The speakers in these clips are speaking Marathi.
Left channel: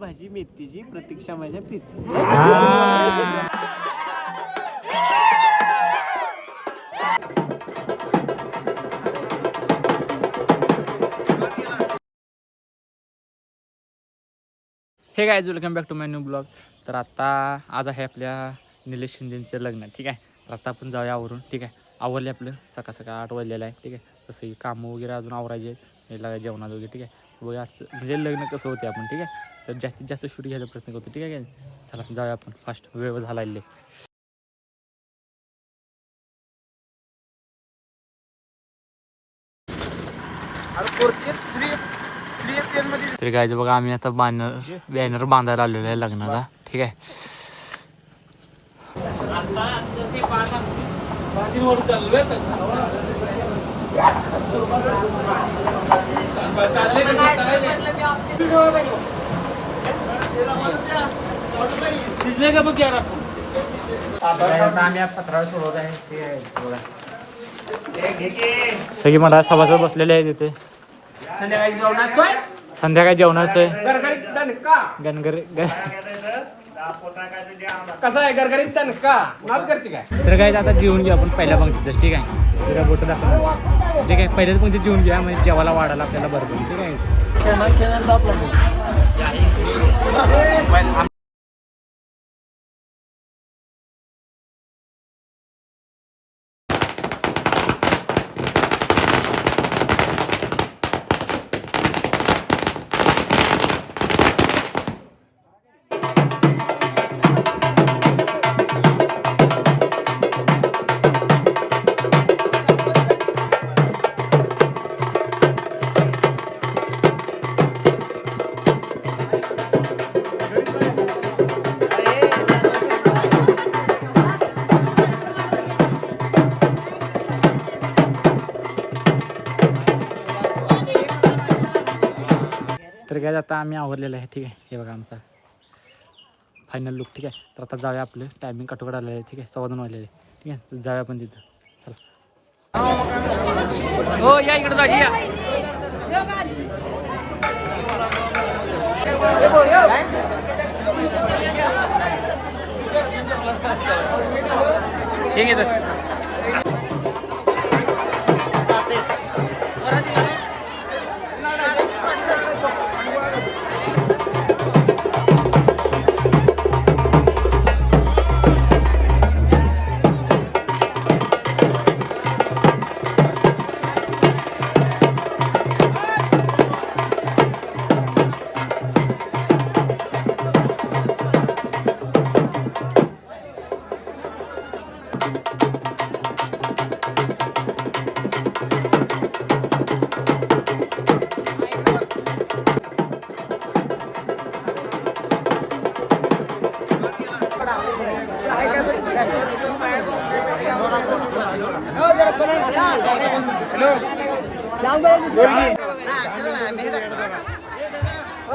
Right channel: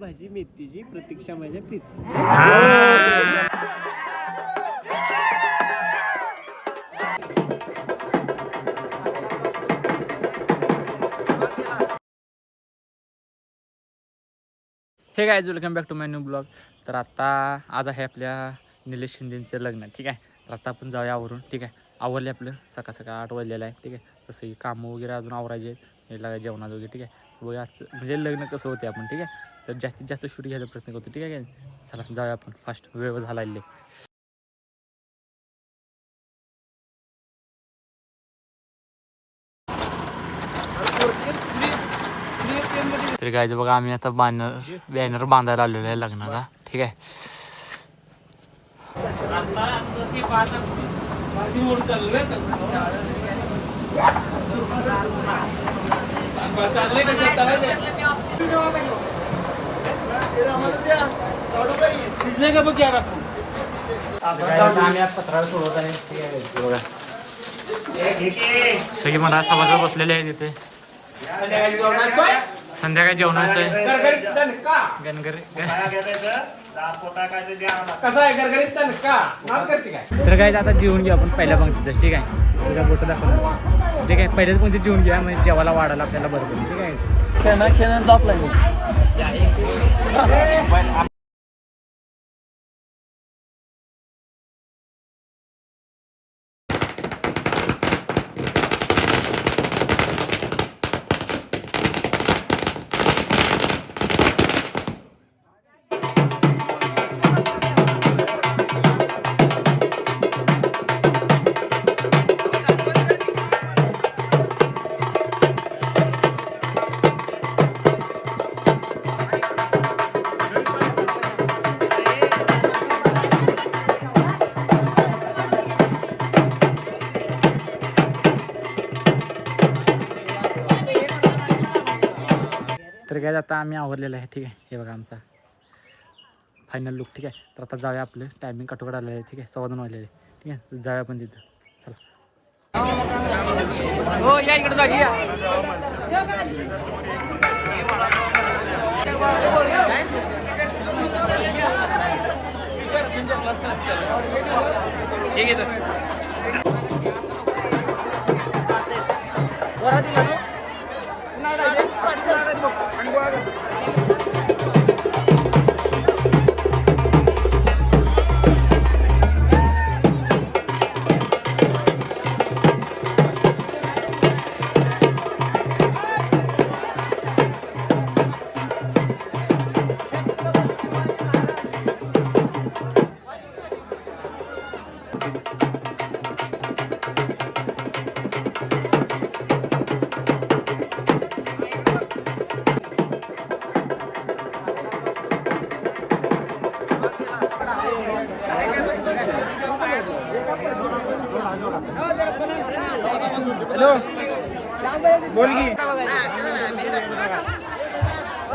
भाजी मेथीची प्रतीक्षा माझ्या प्रीती. Hey guys, welcome back to my new blog. तर आता आज आहे आपल्या निलेश शिंदेचं लग्न. ठीक आहे, तर आता आपण जाऊया आवरून. ठीक आहे, आवरले आपलं सकाळ सकाळ 8 वाजलेलं आहे. ठीक आहे, तसंही कामं वगैरे अजून आवरायचे लागाय जेवणात वगैरे. ठीक आहे, बघा आज म्हणजे लग्न कसं होते आपण. ठीक आहे, तर जास्तीत जास्त शूट घ्यायचा प्रयत्न करतो. ठीक आहे, चला जाऊया आपण फास्ट, वेळ झाला. तर गायचं बघा, आम्ही आता बॅनर बांधायला आलेलो आहे लग्नाचा. ठीक आहे, आम्ही पत्रावर सोडवत आहे. सगळी मला सभासद बसलेले आहे तिथे. संध्याकाळी जेवणाचं तर काय आता जेवून घेऊ आपण पहिल्या पंक्तीतच. ठीक आहे, तुझ्या बोट दाखवणार. ठीक आहे, पहिल्याच पंक्तीत जेवून घ्या म्हणजे जेवायला वाढायला आपल्याला बरं पडेल. ठीक आहे, तर काय आता आम्ही आवरलेलं आहे. ठीक आहे, हे बघा आमचा फायनल लुक. ठीक आहे, तर आता जाऊया, आपलं टायमिंग कटोकट आलेलं आहे. ठीक आहे, 2:15 वाजलेलं आहे. ठीक आहे, जाऊया आपण तिथं. चला, हो या इकडे जाऊया. ठीक आहे,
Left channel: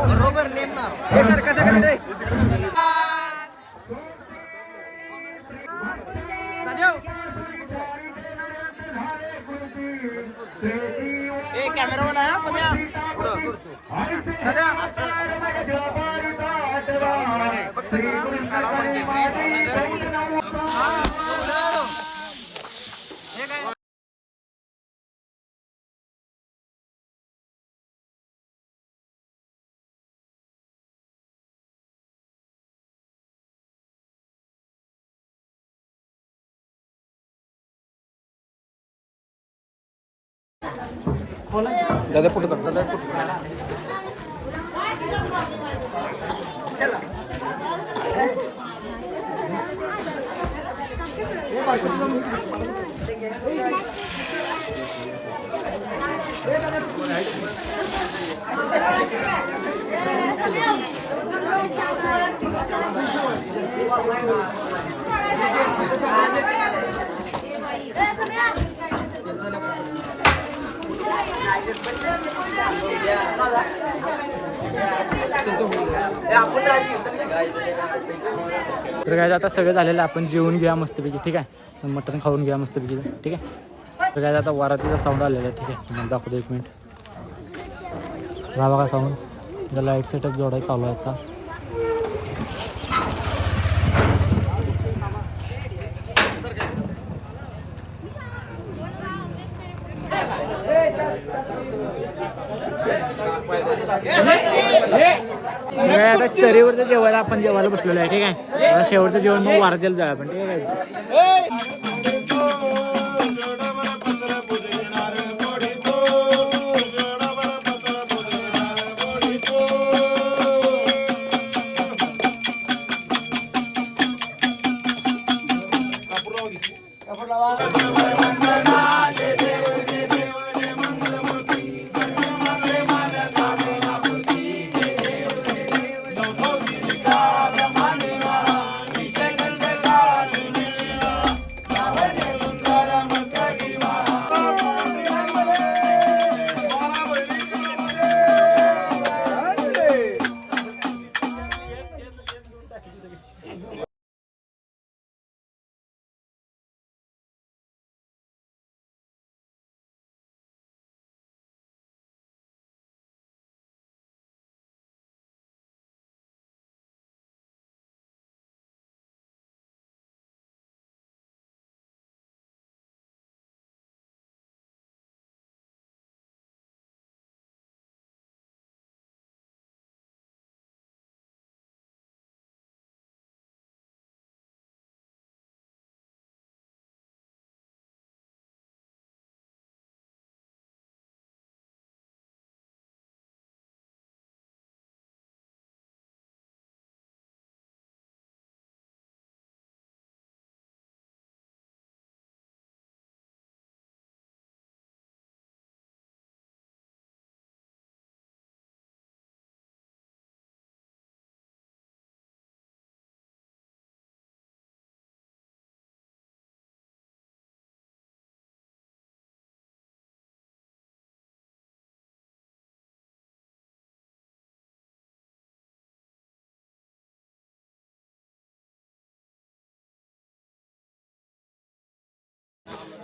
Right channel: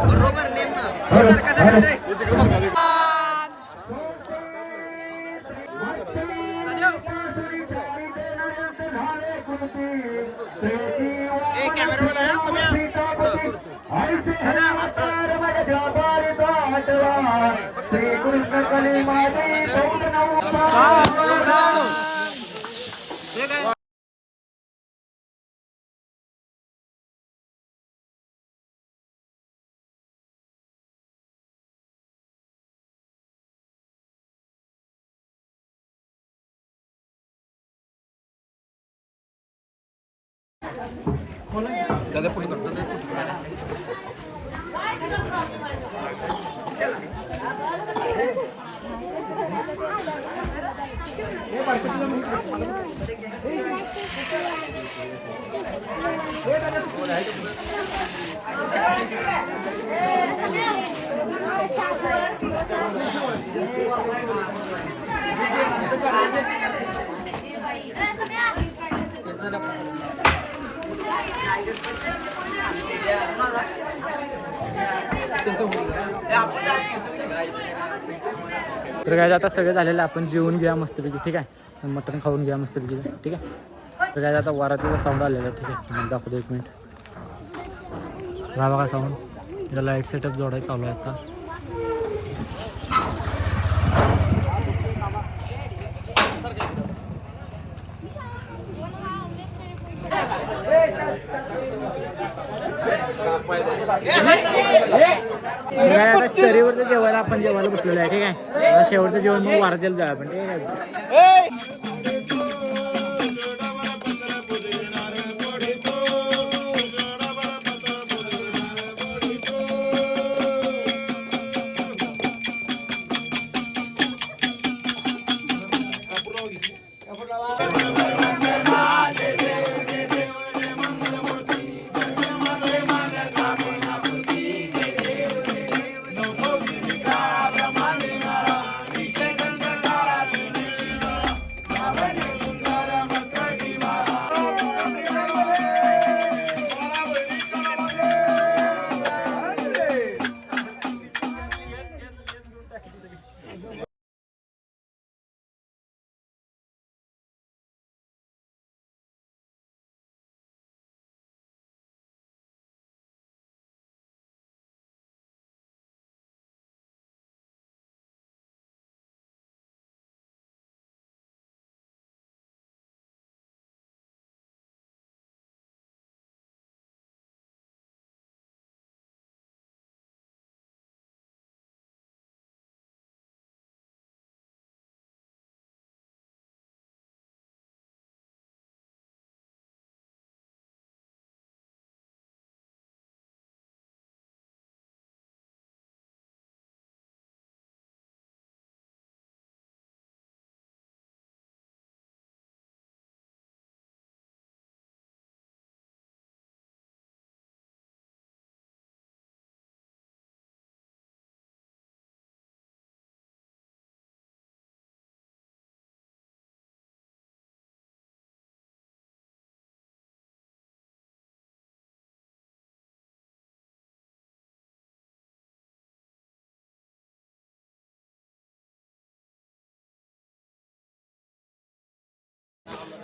बरोबर नेम ना. तर काय आता सगळं झालेलं, आपण जेवून घ्या मस्तपैकी. ठीक आहे, मटण खाऊन घ्या मस्तपैकी. ठीक आहे, तर काय आता वरातीचा साऊंड आलेला आहे. ठीक आहे, तुम्हाला दाखवतो, एक मिनिट. हा बघा साऊंड. त्याचा लाईट सेटअप जोडायला चालू आहे आता. आता चरीवरचं जेवायला आपण जेवायला बसलेलो आहे. ठीक आहे, आता शेवटचं जेवण मग वारजेला जाऊया आपण. ठीक आहे.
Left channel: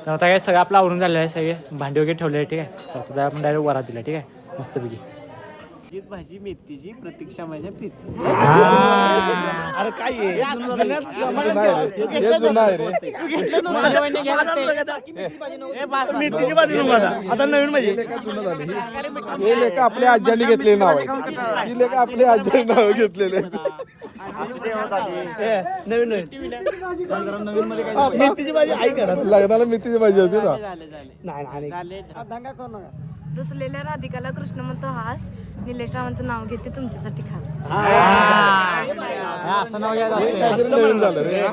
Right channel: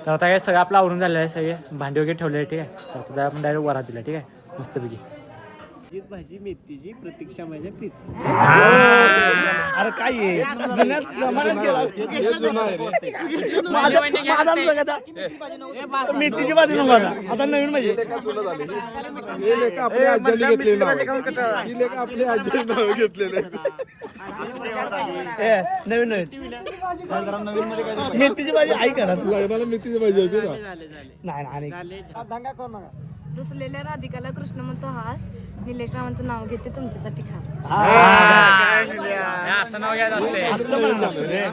तर आता काय सगळं आपलं आवरून झालेलं आहे. सगळे भांडी वगैरे ठेवले आहे. ठीक आहे, तर आता आपण डायरेक्ट वरात दिला. ठीक आहे, मस्तपैकी जीत भाजी मेथीची प्रतीक्षा माझ्या प्रीती. अरे काय मेथीची भाजी नको आता नवीन म्हणजे आपल्या आज्याने घेतलेले नाव आहे. आपल्या आज्याने नाव घेतलेले नवीन नवीन मेथीची भाजी आई करत लग्नाला मेथीची भाजी होती ना. नाही रुसलेल्या राधिकाला कृष्ण म्हणतो हास, निलेश रावांचं नाव घेते तुमच्यासाठी खास. असं नाव घ्यायचं असते. नवीन झालं रे.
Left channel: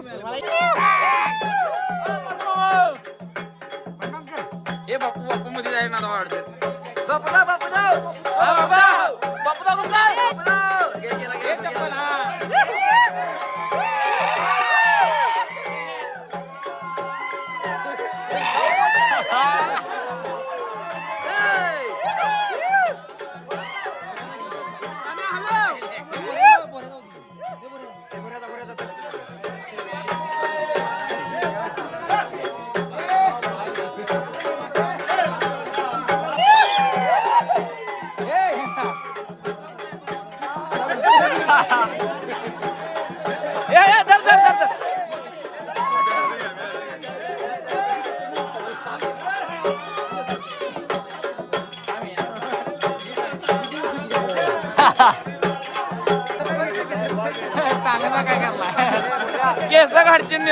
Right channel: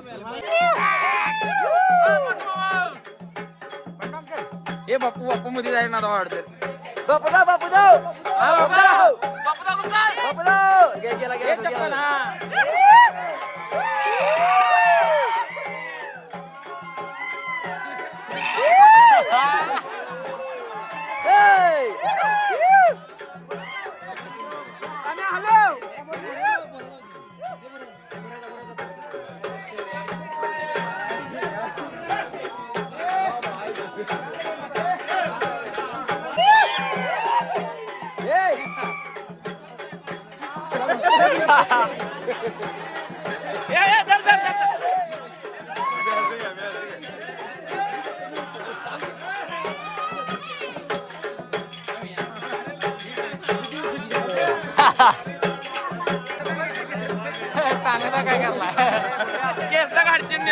चांगला काय करला केस काढतील.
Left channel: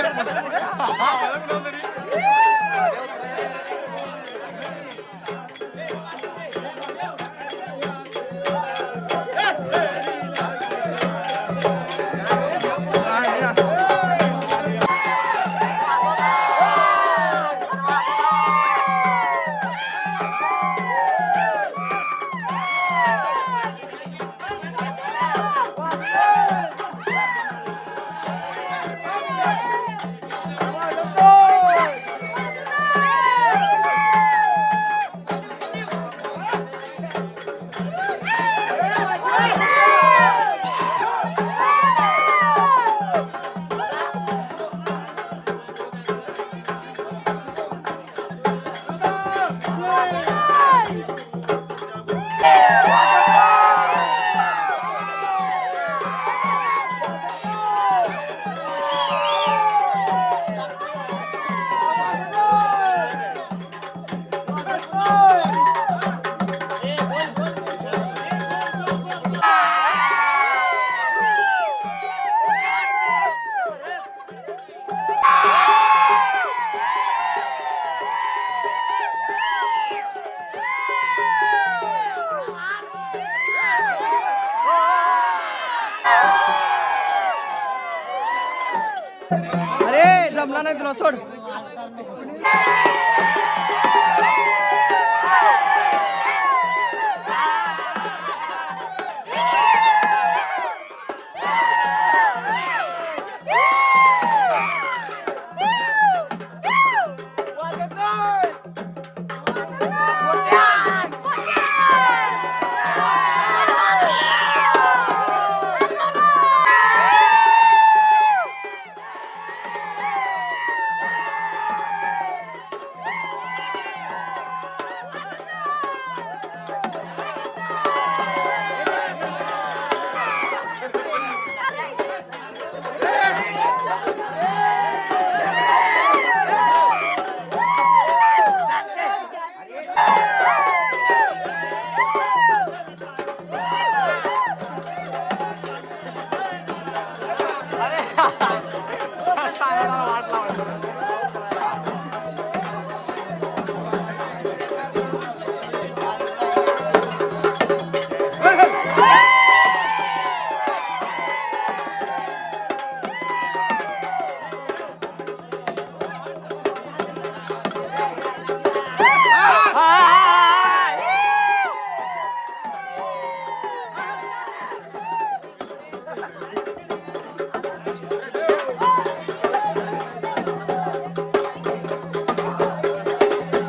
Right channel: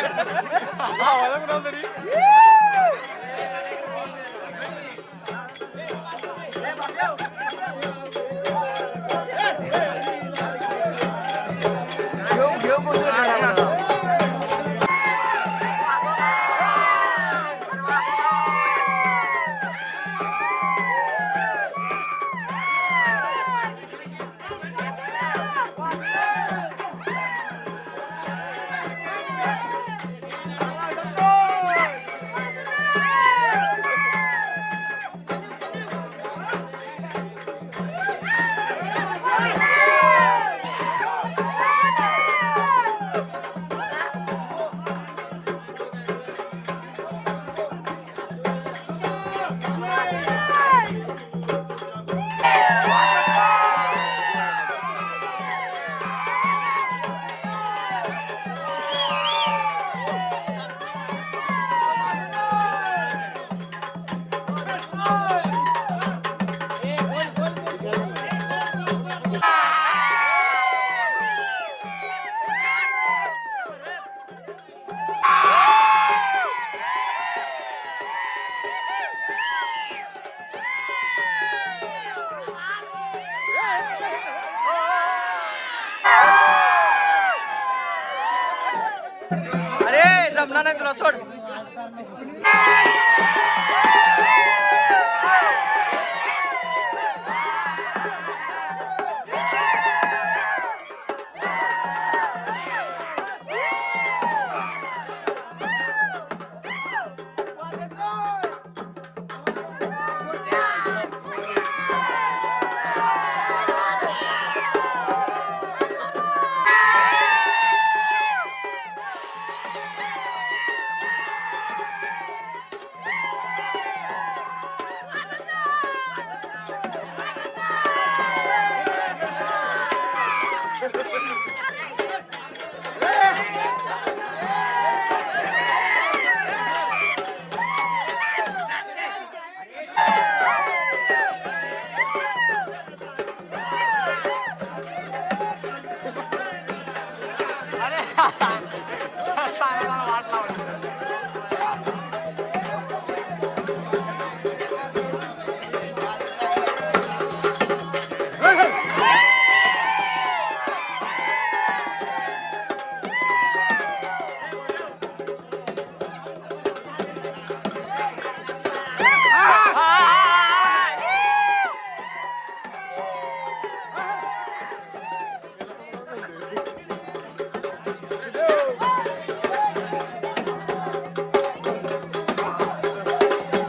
अरे जमला नाही तुला सोड.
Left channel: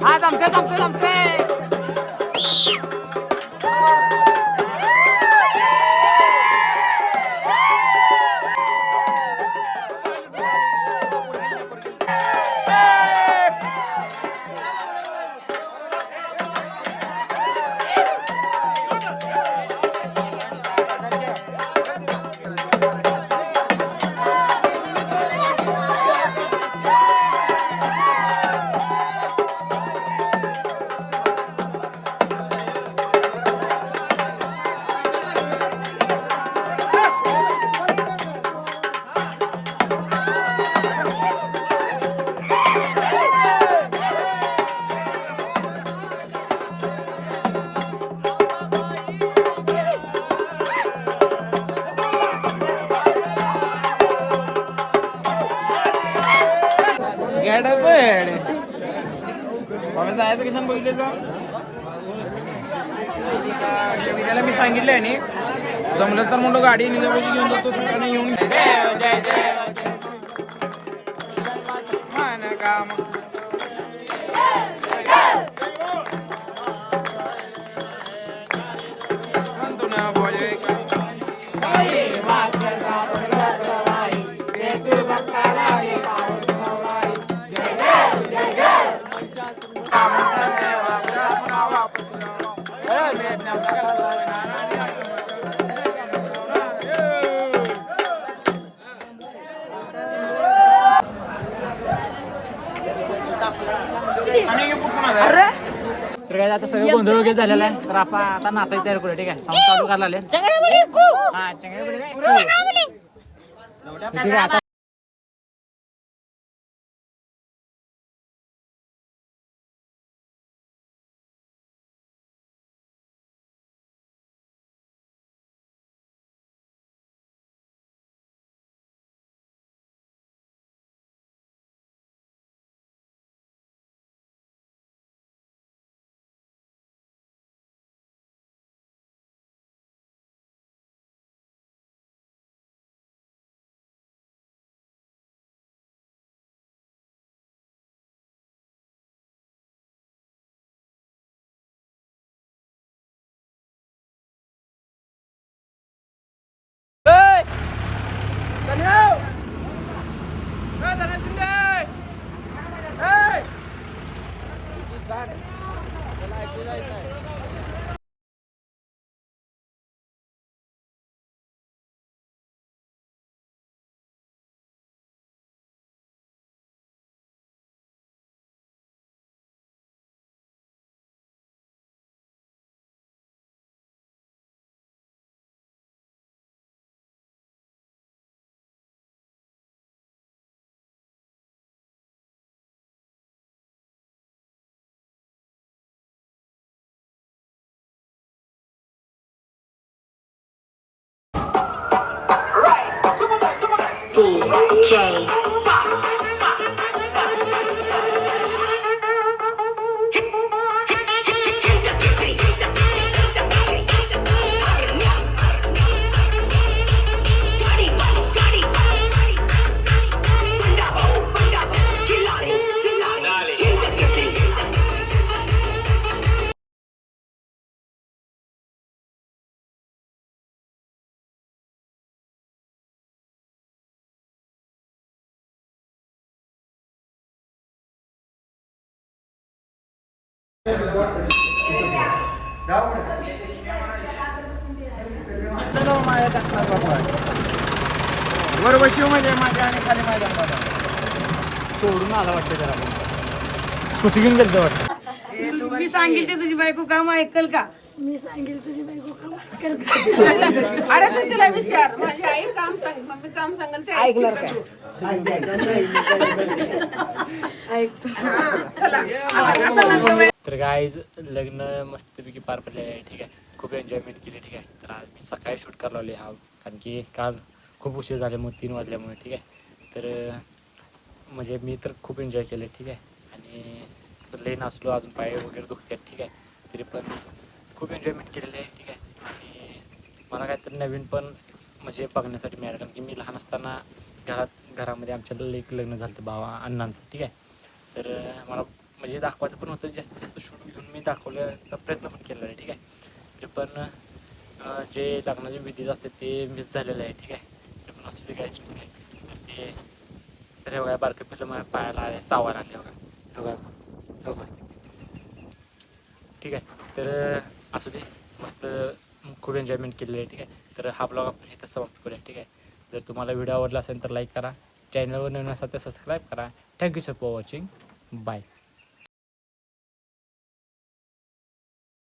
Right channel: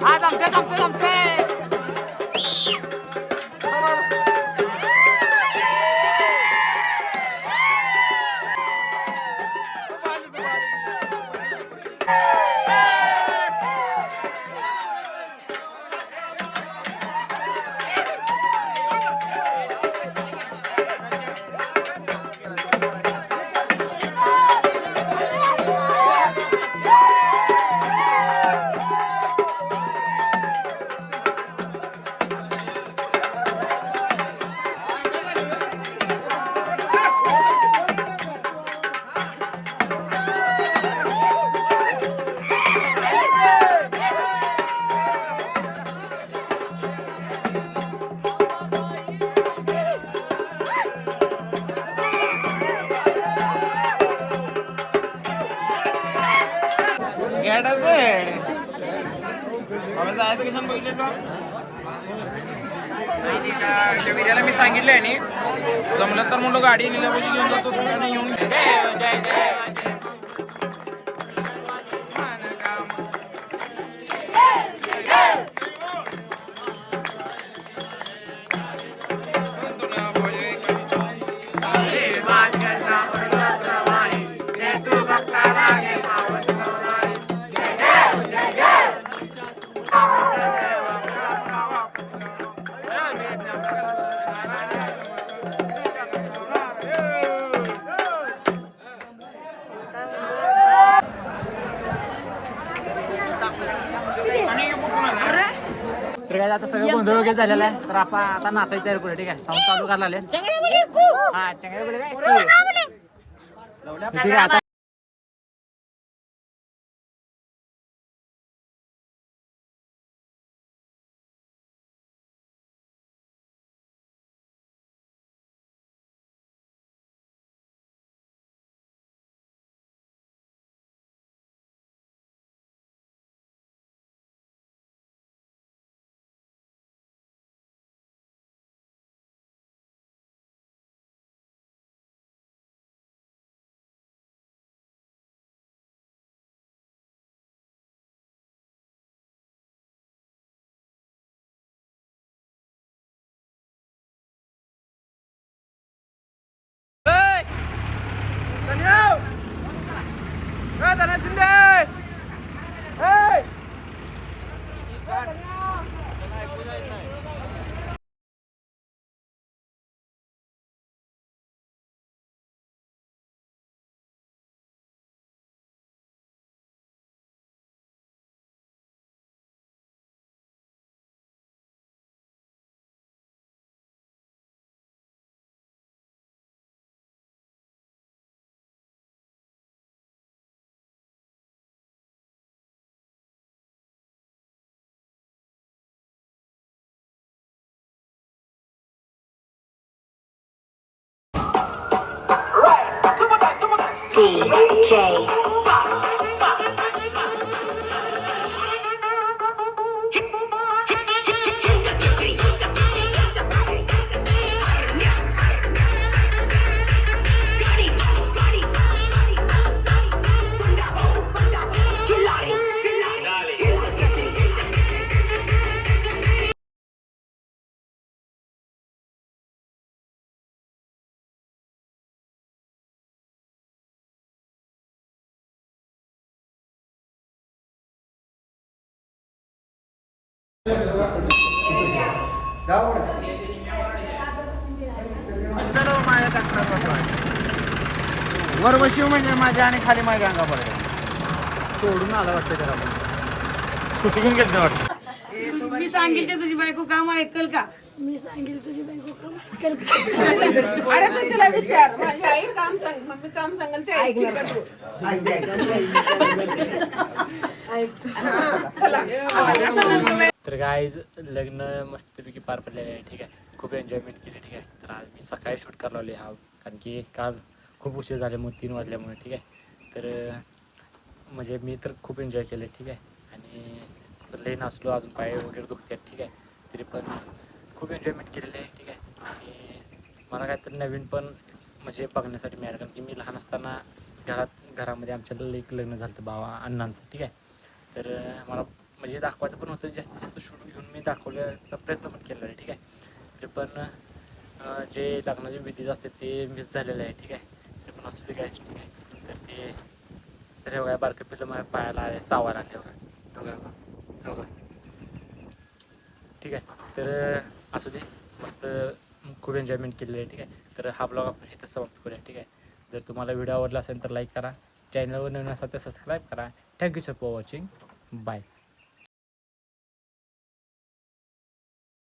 हा जमते जमते जमते. त्याला मी सांगितलंय आणि जमलं तर म्हणलं गाडी निघाली घेऊन जातो सगळ्यांना येऊन. जय देव. तर काय आता सगळं गोंधळ वगैरे झालेला आहे. तर आपण आता नाचायची तयारी करूया. ठीक आहे साऊंड चालू करायला आले. हा ठीक आहे आता सोडून आला वाटतं जरा आपण स्कूटी घेऊन गेलं वाटतं. मी सांगेल ते तुझी बायको काम ऐकल का? मी सांगेल तुझी बायको काम ऐकल का? अरे तू तिला विचार, माझी आई काम सांग, मम्मी काम सांगेल ते ऐकणार का? तर गाईज लग्न मस्तपैकी पार पडले आहे. ठीक आहे, खूप एन्जॉयमेंट केली. ठीक आहे, तर आज मी सकाळी शूट करायला लावले हा, कारण की काल खूप उशीर झाल्यामुळे 3 वाजल्यामुळे. ठीक आहे, तर म्हणजे मी तर खूप एन्जॉय केले. ठीक आहे, आणि लई नाचलो, अजून पाय वगैरे दुखतात. ठीक आहे, तरी पण खूप एन्जॉयमेंट केलेली आहे. ठीक आहे, आणि मला काहीतरी नवीन पण म्हणजे बघण्यासाठी मिळालं, कारण की मी लहान असताना घरामध्ये आमच्या एक लग्न झालं होतं भावा अण्णांचं. ठीक आहे, तर मला म्हणजे दाखवायचं पण होतं, जास्तीत जास्त शूट घेऊन मी दाखवण्याचा प्रयत्न पण केलेला आहे. ठीक आहे, तरी पण जे लग्नाचे विधी असते ते मिस झालेलं आहे. ठीक आहे, तरी पण असू दे काय. ठीक आहे, तर ते तर बघा बारकं पिल्लं माझ्या पायाला आले, चावायला आले बघा. बघा. ठीक आहे, तर असू दे, मस्त खूप एन्जॉयमेंट केलेलं आहे. ठीक आहे, तर हा ब्लॉग आपण इथं समाप्त करूया. ठीक आहे, जर तुम्हाला व्हिडिओ आवडला असेल तर लाईक करा, चॅनलवर नवीन असाल तर सबस्क्राईब करा. Thank you sir for watching. Bye.